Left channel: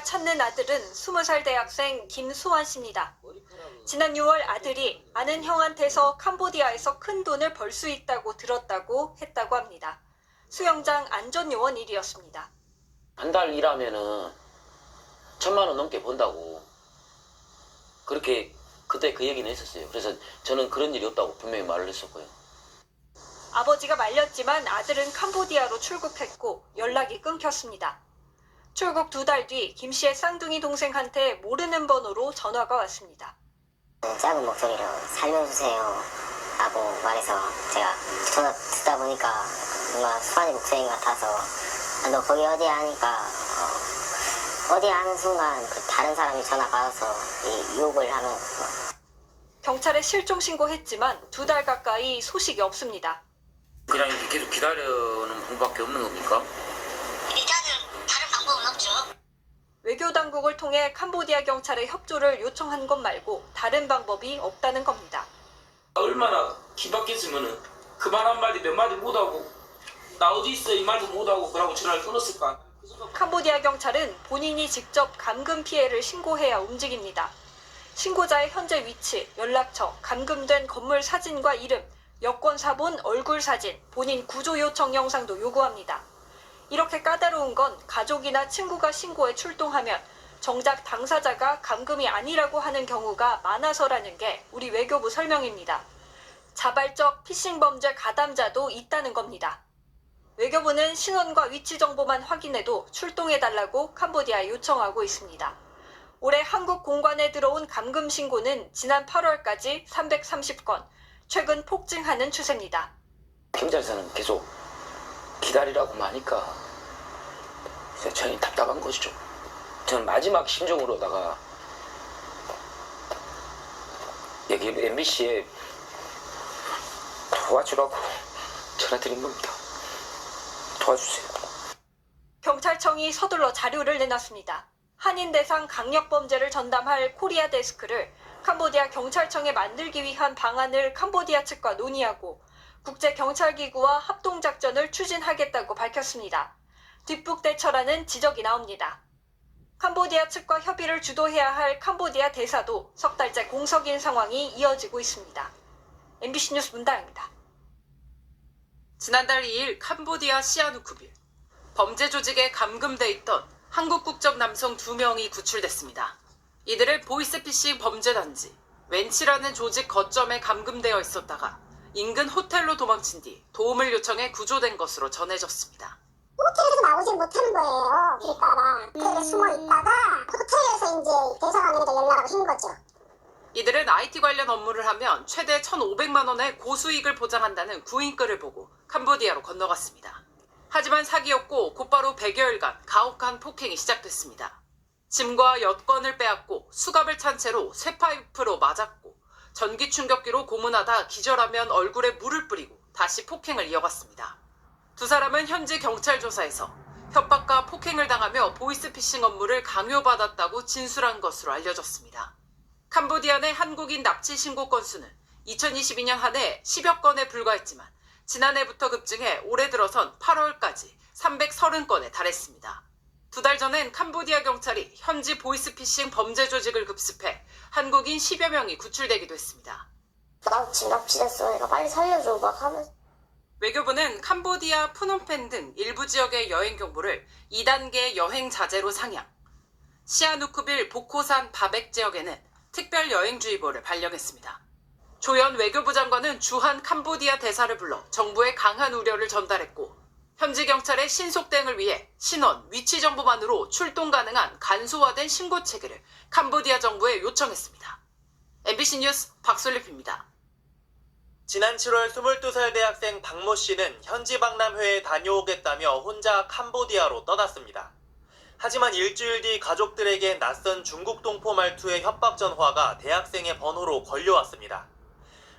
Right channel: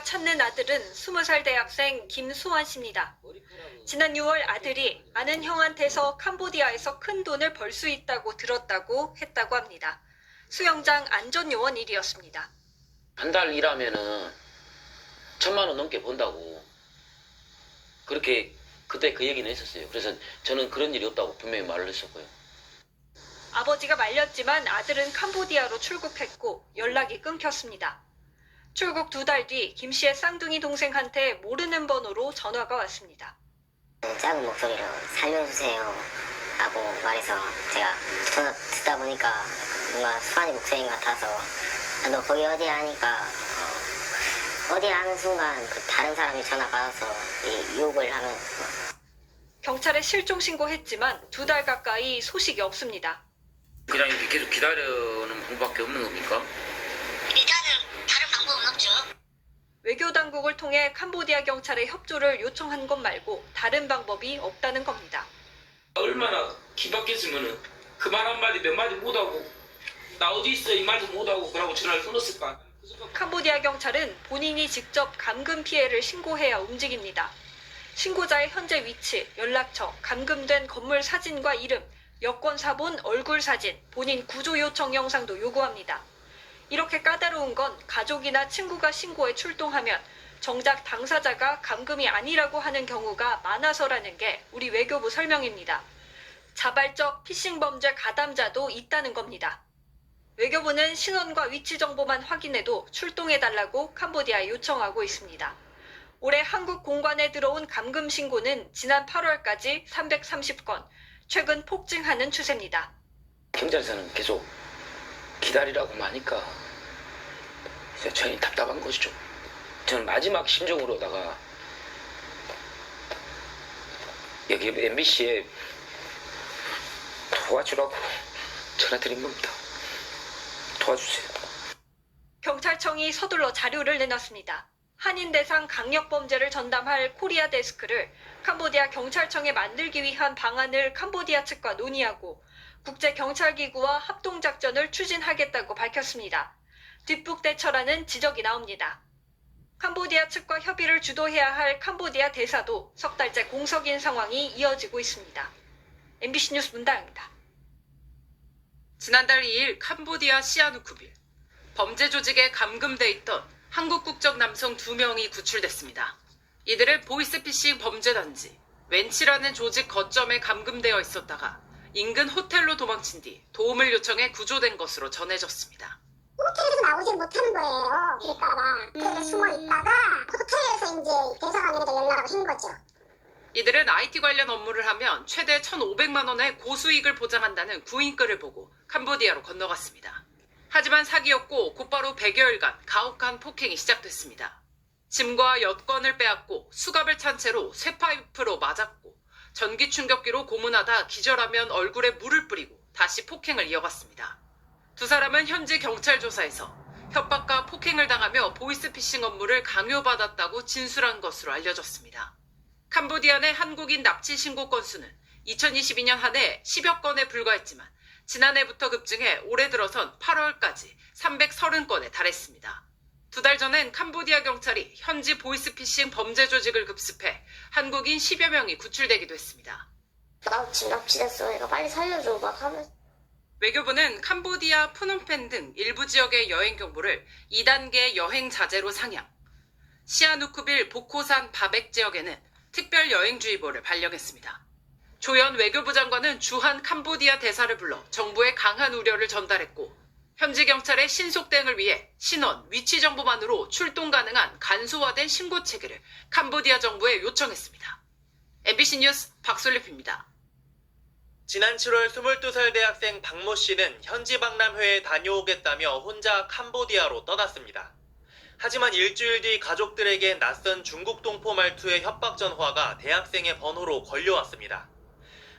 찾는 아들은 20살 대학생 김수환 씨입니다. 지난 6월 아들이 아는 형한테서 캄보디아에서 큰 돈을 벌 수 있다고 들었다고 했다고 합니다. 수영장 안전요원 일이었습니다. 한 달 일하면은 1,000만 원 넘게 번다고 그렇게 그때 그 얘기는 했었어요. 그래서 저는 그런 일이 없다고 분명히 말을 했었고요. 아버지가 말렸지만 아들은 캄보디아로 출국했고 연락이 끊겼습니다. 출국 2달 뒤 김 씨의 쌍둥이 동생한테 모르는 번호로 전화가 왔습니다. 작은 목소리로 살려주세요 라고 말해서 제가 전화 듣다 보니까 뭔가 수환이 목소리인 것 같아서 너 거기 어디야 하니까 어디야 하는 순간 그 다른 사람이 전화 받아서 욕을 하면 경찰에 실종 신고했지만 2달 가까이 소식이 없습니다. 그냥 이렇게 계속 기다리는 방법밖에 없는 겁니까? 일단은 다른 방법은 없죠. 외교 당국을 통해 캄보디아 경찰에 협조를 요청한 것 말고 다른 방법이 없다는 겁니다. 얼마나 기박했으면은 그 말 한마디 몇 마디 못하고 나 어디 있어 이 말도 못하고 그러고 전화를 끊었을까. 캄보디아 경찰은 본인이 직접 감금 피해를 신고해야 움직입니다. 신고자의 현재 위치, 연락처, 감금된 건물 사진과 이름, 여권 사본, 얼굴 사진, 본인 구조 요청 영상도 요구합니다. 이렇게 까다로운 건 가족이나 친구가 신고에 출동하면 정작 당사자가 감금이 아니라고 하는 경우가 많아서라는 게 우리 외교부 설명입니다. 자발적 피싱 범죄 가담자도 있다는 겁니다. 외교부는 신원과 위치 정보만 확인해도 출동해달라고 캄보디아에 요청하고 있습니다. 올해 한국 공관에 들어온 감금 신고는 지난 8월까지 330건, 최근 폭증하는 추세입니다. 경찰서는 계속 기다리라고 하니까 저희는 답답한 것이죠. 저는 마지막 심정으로다가 여기 MBC에 도와주라고 전화드린 겁니다. 도와주세요. 경찰청이 서둘러 자료를 내놨습니다. 한인 대상 강력범죄를 전담할 코리아 데스크를 캄보디아 경찰청에 만들기 위한 방안을 캄보디아 측과 논의하고 국제경찰기구와 합동작전을 추진하겠다고 밝혔습니다. 뒷북대처라는 지적이 나옵니다. 캄보디아 측과 협의를 주도해야 할 캄보디아 대사도 석 달째 공석인 상황이 이어지고 있습니다. MBC 뉴스 문다영입니다. 지난달 2일 캄보디아 시아누쿠빌, 범죄 조직에 감금돼 있던 한국 국적 남성 2명이 구출됐습니다. 이들은 보이스피싱 범죄단지 웬치라는 조직 거점에 감금되어 있었다가 인근 호텔로 도망친 뒤 도움을 요청해 구조된 것으로 전해졌습니다. 호텔에서 나오질 못하는 거예요. 그럴까봐. 호텔에 숨어 있다가 호텔에서 이제 대사관에다 연락을 한 거죠. 이들은 IT 관련 업무를 하면 최대 1,500만 원의 고수익을 보장한다는 구인글을 보고 캄보디아로 건너갔습니다. 하지만 사기였고 곧바로 100여일간 가혹한 폭행이 시작됐습니다. 짐과 여권을 빼앗고 수갑을 찬 채로 쇠파이프로 맞았고 전기 충격기로 고문하다 기절하면 얼굴에 물을 뿌리고 다시 폭행을 이어갔습니다. 두 사람은 현지 경찰 조사에서 협박과 폭행을 당하며 보이스피싱 업무를 강요받았다고 진술한 것으로 알려졌습니다. 캄보디아 내 한국인 납치 신고 건수는 2022년 한 해 10여 건에 불과했지만 지난해부터 급증해 올해 들어선 8월까지 330건에 달했습니다. 2달 전엔 캄보디아 경찰이 현지 보이스피싱 범죄 조직을 급습해 한국인 10여 명이 구출되기도 했습니다. 나 지금 납치됐어. 내가 빨리 살려줘. 막 하면서. 외교부는 캄보디아 푸놈펜 등 일부 지역의 여행 경보를 2단계 여행 자제로 상향, 시아누쿠빌 보코산 바백 지역에는 특별 여행주의보를 발령했습니다. 조현 외교부 장관은 주한 캄보디아 대사를 불러 정부에 강한 우려를 전달했고 현지 경찰의 신속 대응을 위해 신원, 위치 정보만으로 출동 가능한 간소화된 신고 체계를 캄보디아 정부에 요청했습니다. MBC 뉴스 박솔립입니다. 지난 7월 22살 대학생 박모 씨는 현지 박람회에 다녀오겠다며 혼자 캄보디아로 떠났습니다. 하지만 일주일 뒤 가족들에게 낯선 중국 동포 말투의 협박 전화가 대학생의 번호로 걸려왔습니다.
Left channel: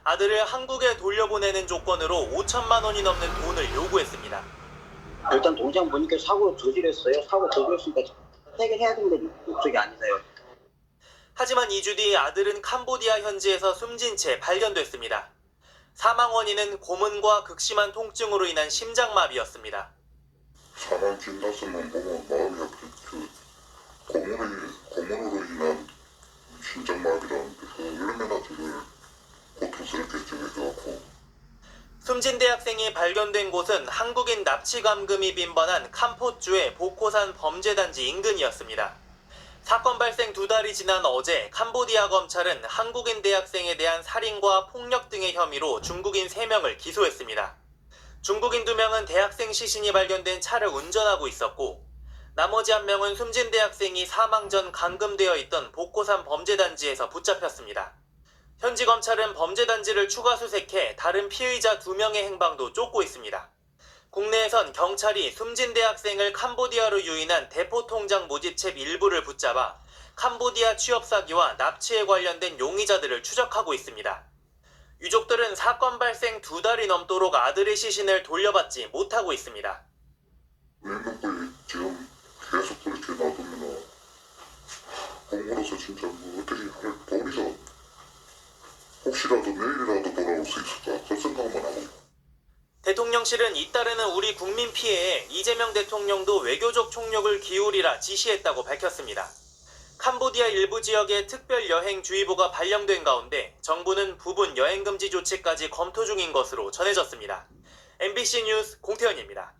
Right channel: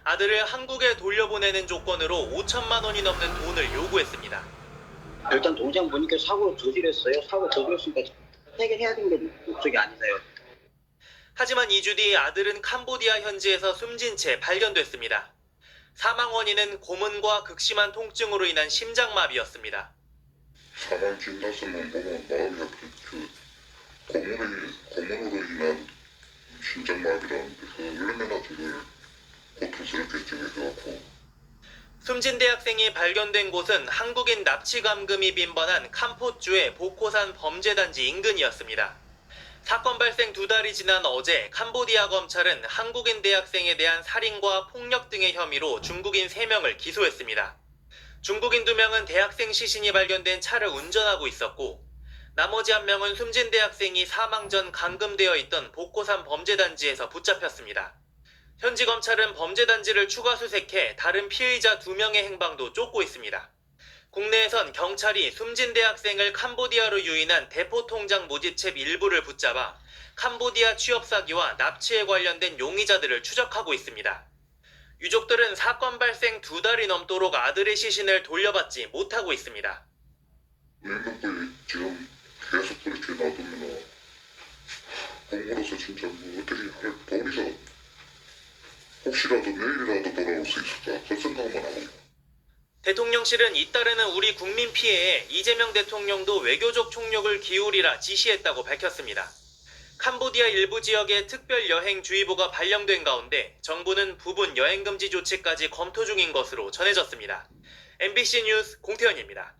아들을 한국에 돌려보내는 조건으로 5천만 원이 넘는 돈을 요구했습니다. 일단 동장 보니까 사고를 저질렀어요. 사고 저질렀으니까 해결해야 되는 게 목적이 아니세요. 하지만 2주 뒤 아들은 캄보디아 현지에서 숨진 채 발견됐습니다. 사망 원인은 고문과 극심한 통증으로 인한 심장마비였습니다. 사람 진단서만 보면 마음이 고문으로 인한 심장마비라는데 얼마나 그걸 고통스럽게 정해져갖고. 숨진 대학생이 발견된 곳은 한국인 납치 감금이 빈번한 캄포주의 보코산 범죄단지 인근이었습니다. 사건 발생 2달이 지난 어제 캄보디아 검찰은 한국인 대학생에 대한 살인과 폭력 등의 혐의로 중국인 3명을 기소했습니다. 중국인 2명은 대학생 시신이 발견된 차를 운전하고 있었고 나머지 1명은 숨진 대학생이 사망 전 감금되어 있던 보코산 범죄단지에서 붙잡혔습니다. 현지 검찰은 범죄단지를 추가 수색해 다른 피의자 2명의 행방도 쫓고 있습니다. 국내에선 경찰이 숨진 대학생을 캄보디아로 유인한 대포통장 모집책 일부를 붙잡아 캄보디아 취업 사기와 납치에 관련된 용의자들을 추적하고 있습니다. 유족들은 사건 발생 2달이 넘도록 아들의 시신을 돌려받지 못하고 있습니다. 민족들이 지금 계속 그렇게 놔두면 공무로서 진짜 뭐 어떻게 할 도리가 혹시라도 내일이라도 돌아올 수 있을까 그 생각만 하고. 대통령실은 잇따르는 우리 국민 피해에 이재명 대통령도 외교적 총력을 기울이라 지시했다고 밝혔습니다. 캄보디아 일부 지역에 특별 여행주의보가 발령된 가운데 정부는 부분 여행금지 조치까지 검토 중인 것으로 전해졌습니다. MBC 뉴스 공태현입니다.